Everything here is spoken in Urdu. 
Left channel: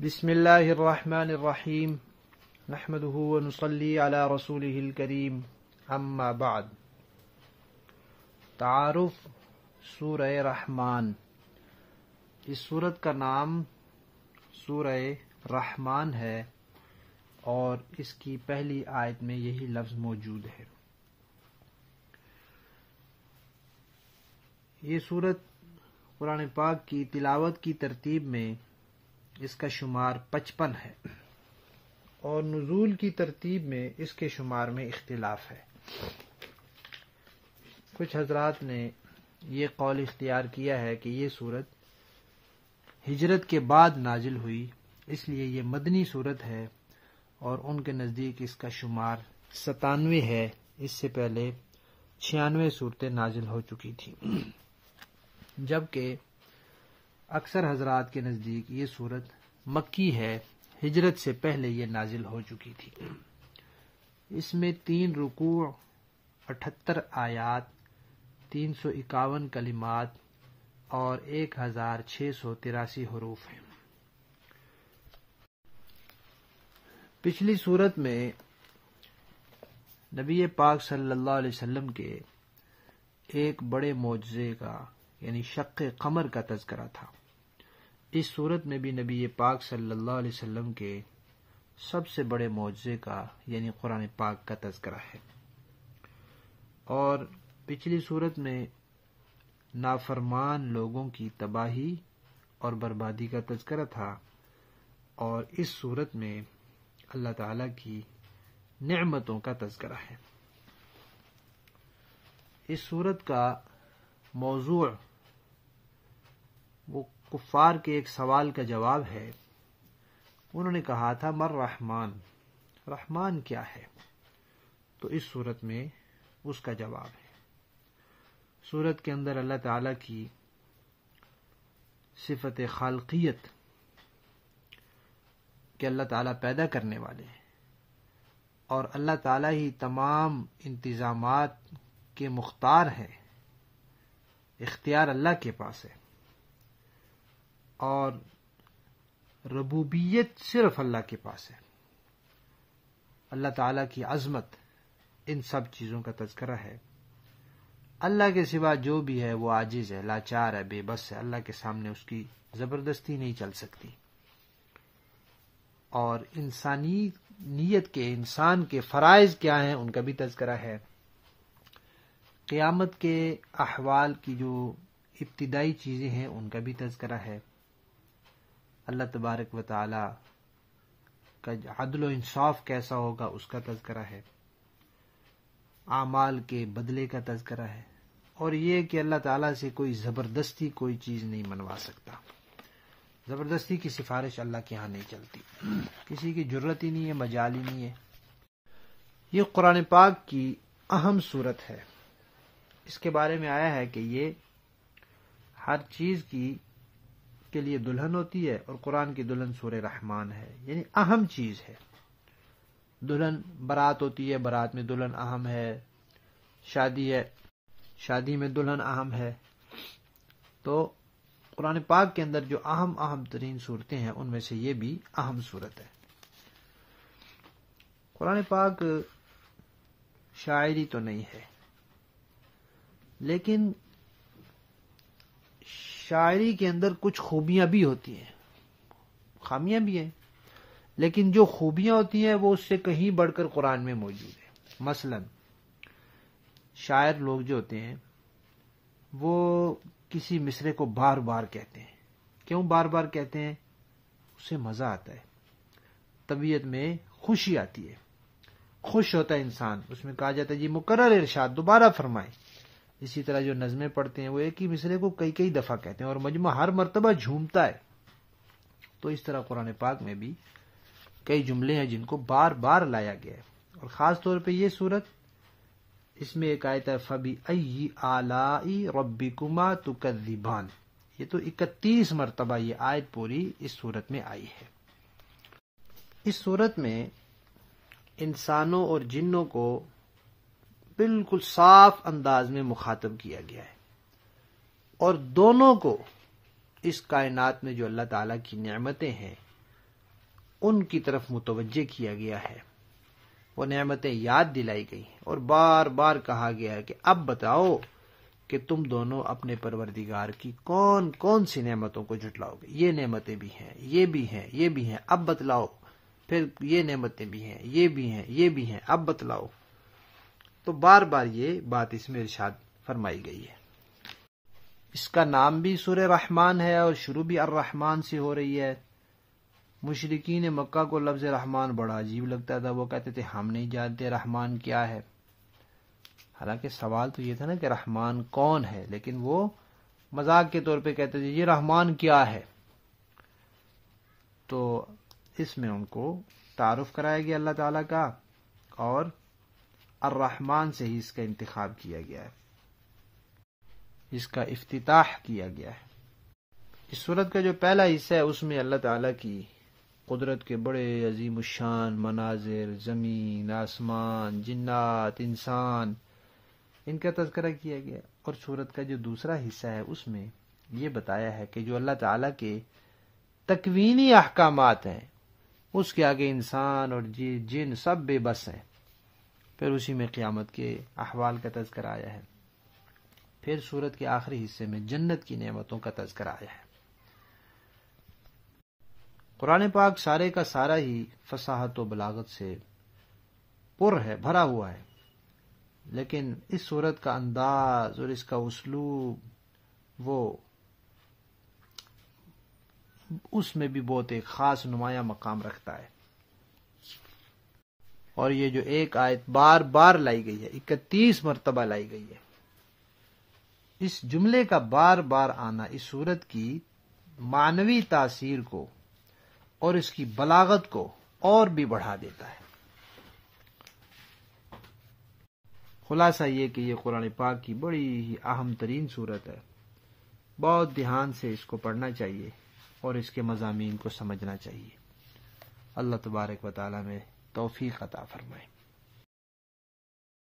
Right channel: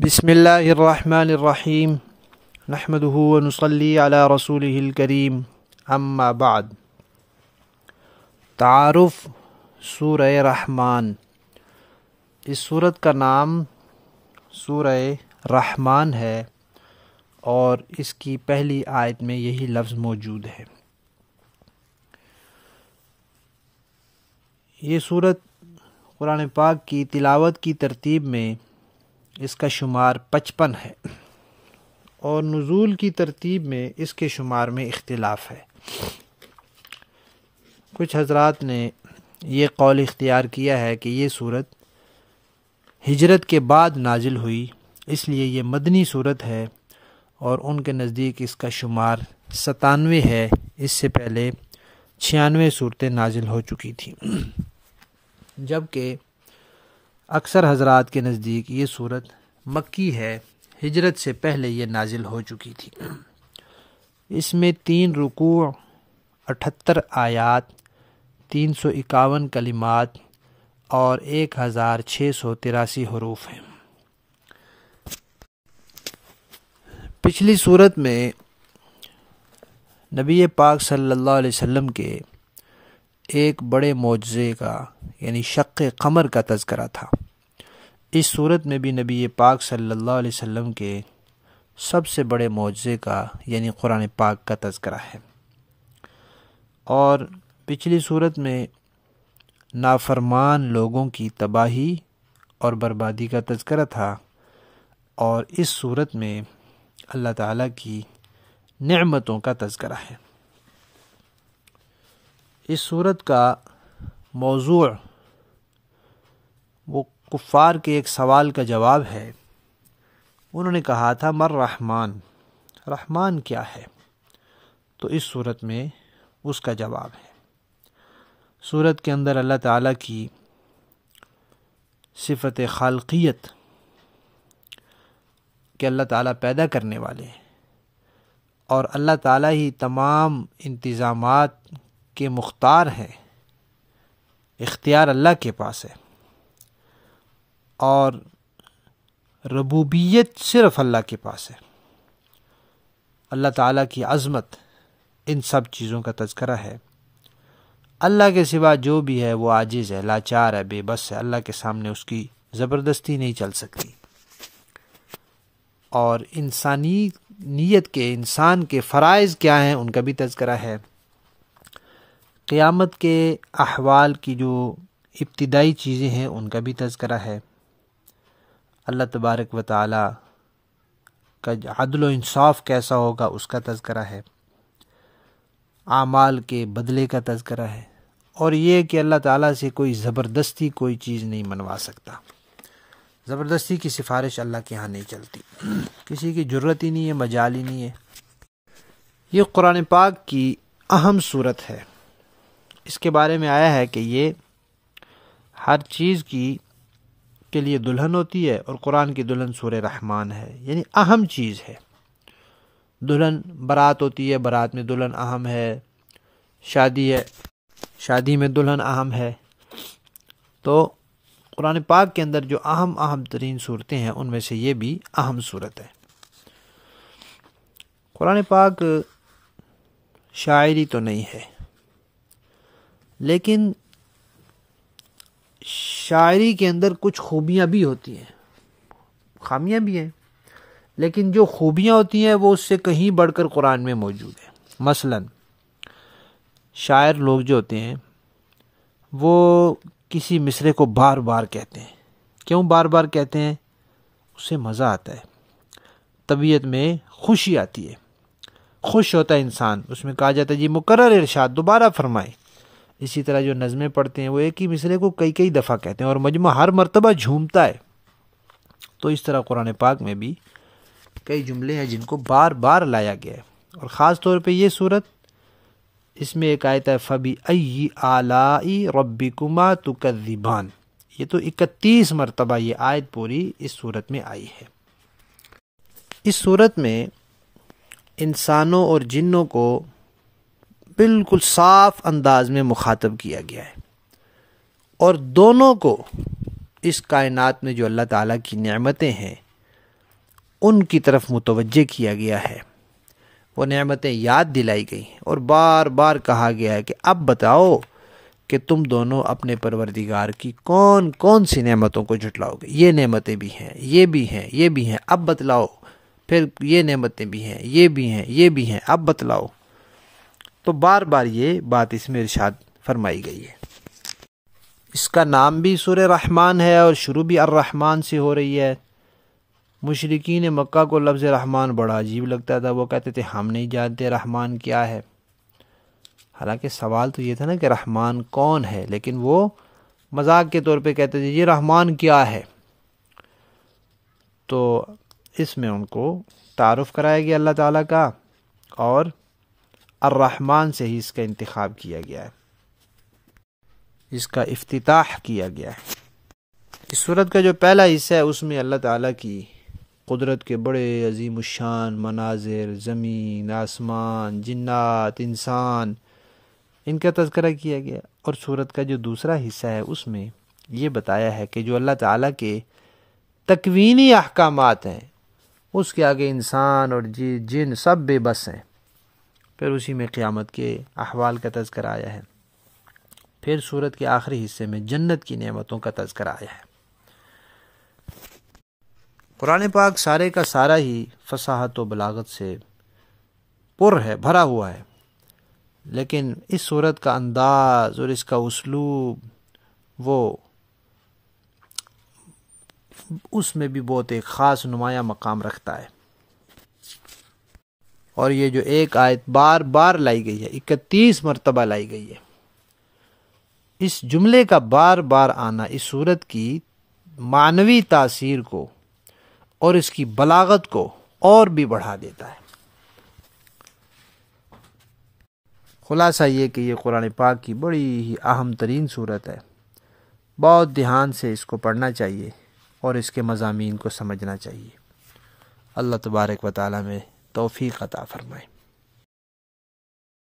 بسم اللہ الرحمن الرحیم نحمده ونصلی علی رسولہ الکریم اما بعد۔ تعارف سورہ رحمان۔ اس سورت کا نام سورہ رحمان ہے اور اس کی پہلی آیت میں یہی لفظ موجود ہے۔ یہ سورت قرآن پاک کی تلاوت کی ترتیب میں اس کا شمار 55 ہے اور نزول کی ترتیب میں اس کے شمار میں اختلاف ہے۔ کچھ حضرات نے یہ قول اختیار کیا ہے کہ یہ سورت ہجرت کے بعد نازل ہوئی، اس لیے یہ مدنی سورت ہے، اور ان کے نزدیک اس کا شمار 97 ہے۔ اس سے پہلے 96 صورتیں نازل ہو چکی تھیں، جبکہ اکثر حضرات کے نزدیک یہ صورت مکی ہے، ہجرت سے پہلے یہ نازل ہو چکی تھی۔ اس میں 3 رکوع، 78 آیات، 351 کلمات اور 1683 حروف ہیں۔ پچھلی صورت میں نبی پاک صلی اللہ علیہ وسلم کے ایک بڑے معجزے کا یعنی شق قمر کا تذکرہ تھا۔ اس صورت میں بھی نبی پاک صلی اللہ علیہ وسلم کے سب سے بڑے معجزے کا یعنی قرآن پاک کا تذکرہ ہے، اور پچھلی صورت میں نافرمان لوگوں کی تباہی اور بربادی کا تذکرہ تھا، اور اس صورت میں اللہ تعالیٰ کی نعمتوں کا تذکرہ ہے۔ اس صورت کا موضوع وہ کفار کے ایک سوال کا جواب ہے۔ انہوں نے کہا تھا مر رحمان، رحمان کیا ہے؟ تو اس صورت میں اس کا جواب ہے۔ صورت کے اندر اللہ تعالیٰ کی صفت خالقیت کہ اللہ تعالیٰ پیدا کرنے والے ہیں، اور اللہ تعالیٰ ہی تمام انتظامات کے مختار ہیں، اختیار اللہ کے پاس ہے، اور ربوبیت صرف اللہ کے پاس ہے۔ اللہ تعالیٰ کی عظمت، ان سب چیزوں کا تذکرہ ہے۔ اللہ کے سوا جو بھی ہے وہ عاجز ہے، لاچار ہے، بے بس ہے، اللہ کے سامنے اس کی زبردستی نہیں چل سکتی۔ اور انسانی نیت کے، انسان کے فرائض کیا ہیں ان کا بھی تذکرہ ہے۔ قیامت کے احوال کی جو ابتدائی چیزیں ہیں ان کا بھی تذکرہ ہے۔ اللہ تبارک و تعالیٰ کا عدل و انصاف کیسا ہوگا اس کا تذکرہ ہے۔ اعمال کے بدلے کا تذکرہ ہے، اور یہ کہ اللہ تعالیٰ سے کوئی زبردستی کوئی چیز نہیں منوا سکتا۔ زبردستی کی سفارش اللہ کے ہاں نہیں چلتی، کسی کی جرت ہی نہیں ہے، مجال ہی نہیں ہے۔ یہ قرآن پاک کی اہم صورت ہے۔ اس کے بارے میں آیا ہے کہ یہ ہر چیز کے لیے دلہن ہوتی ہے، اور قرآن کی دلہن سورہ رحمان ہے، یعنی اہم چیز ہے۔ دلہن برات ہوتی ہے، برات میں دلہن اہم ہے، شادی ہے، شادی میں دلہن اہم ہے۔ تو قرآن پاک کے اندر جو اہم ترین صورتیں ہیں ان میں سے یہ بھی اہم صورت ہے۔ قرآن پاک شاعری تو نہیں ہے، لیکن شاعری کے اندر کچھ خوبیاں بھی ہوتی ہیں، خامیاں بھی ہیں، لیکن جو خوبیاں ہوتی ہیں وہ اس سے کہیں بڑھ کر قرآن میں موجود ہے۔ مثلا شاعر لوگ جو ہوتے ہیں وہ کسی مصرعے کو بار بار کہتے ہیں۔ کیوں بار بار کہتے ہیں؟ اس سے مزہ آتا ہے، طبیعت میں خوشی آتی ہے، خوش ہوتا ہے انسان، اس میں کہا جاتا ہے جی مکرر ارشاد، دوبارہ فرمائیں۔ اسی طرح جو نظمیں پڑھتے ہیں وہ ایک ہی مصرعے کو کئی دفعہ کہتے ہیں، اور مجمع ہر مرتبہ جھومتا ہے۔ تو اس طرح قرآن پاک میں بھی کئی جملے ہیں جن کو بار بار لایا گیا ہے، اور خاص طور پہ یہ صورت، اس میں ایک آیت ہے فَبِأَيِّ آلَاءِ رَبِّكُمَا تُكَذِّبَانِ، یہ تو 31 مرتبہ یہ آیت پوری اس صورت میں آئی ہے۔ اس صورت میں انسانوں اور جنوں کو بالکل صاف انداز میں مخاطب کیا گیا ہے، اور دونوں کو اس کائنات میں جو اللہ تعالیٰ کی نعمتیں ہیں ان کی طرف متوجہ کیا گیا ہے، وہ نعمتیں یاد دلائی گئی اور بار بار کہا گیا ہے کہ اب بتاؤ کہ تم دونوں اپنے پروردگار کی کون کون سی نعمتوں کو جھٹلاؤ گے، یہ نعمتیں بھی ہیں، یہ بھی ہیں، یہ بھی ہیں، اب بتلاؤ، پھر یہ نعمتیں بھی ہیں، یہ بھی ہیں، یہ بھی ہیں، اب بتلاؤ۔ تو بار بار یہ بات اس میں ارشاد فرمائی گئی ہے۔ اس کا نام بھی سورہ رحمان ہے اور شروع بھی الرحمن سے ہو رہی ہے۔ مشرکین مکہ کو لفظ رحمان بڑا عجیب لگتا تھا، وہ کہتے تھے ہم نہیں جانتے رحمان کیا ہے۔ حالانکہ سوال تو یہ تھا نا کہ رحمان کون ہے، لیکن وہ مذاق کے طور پہ کہتے تھے یہ رحمان کیا ہے۔ تو اس میں ان کو تعارف کرایا گیا اللہ تعالیٰ کا، اور الرحمن سے ہی اس کا انتخاب کیا گیا ہے، اس کا افتتاح کیا گیا ہے۔ اس سورت کا جو پہلا حصہ ہے اس میں اللہ تعالیٰ کی قدرت کے بڑے عظیم الشان مناظر، زمین، آسمان، جنات، انسان، ان کا تذکرہ کیا گیا، اور سورت کا جو دوسرا حصہ ہے اس میں یہ بتایا ہے کہ جو اللہ تعالیٰ کے تکوینی احکامات ہیں اس کے آگے انسان اور جن سب بے بس ہیں۔ پھر اسی میں قیامت کے احوال کا تذکرہ آیا ہے۔ پھر سورت کے آخری حصے میں جنت کی نعمتوں کا تذکرہ آیا ہے۔ قرآن پاک سارے کا سارا ہی فصاحت و بلاغت سے پر ہے، بھرا ہوا ہے، لیکن اس سورت کا انداز اور اس کا اسلوب وہ اس میں بھی بہت ایک خاص نمایاں مقام رکھتا ہے۔ اور یہ جو ایک آیت بار بار لائی گئی ہے، 31 مرتبہ لائی گئی ہے، اس جملے کا بار بار آنا اس سورت کی معنوی تاثیر کو اور اس کی بلاغت کو اور بھی بڑھا دیتا ہے۔ خلاصہ یہ کہ یہ قرآن پاک کی بڑی ہی اہم ترین سورت ہے، بہت دھیان سے اس کو پڑھنا چاہیے اور اس کے مضامین کو سمجھنا چاہیے۔ اللہ تبارک و تعالی میں توفیق عطا فرمائے۔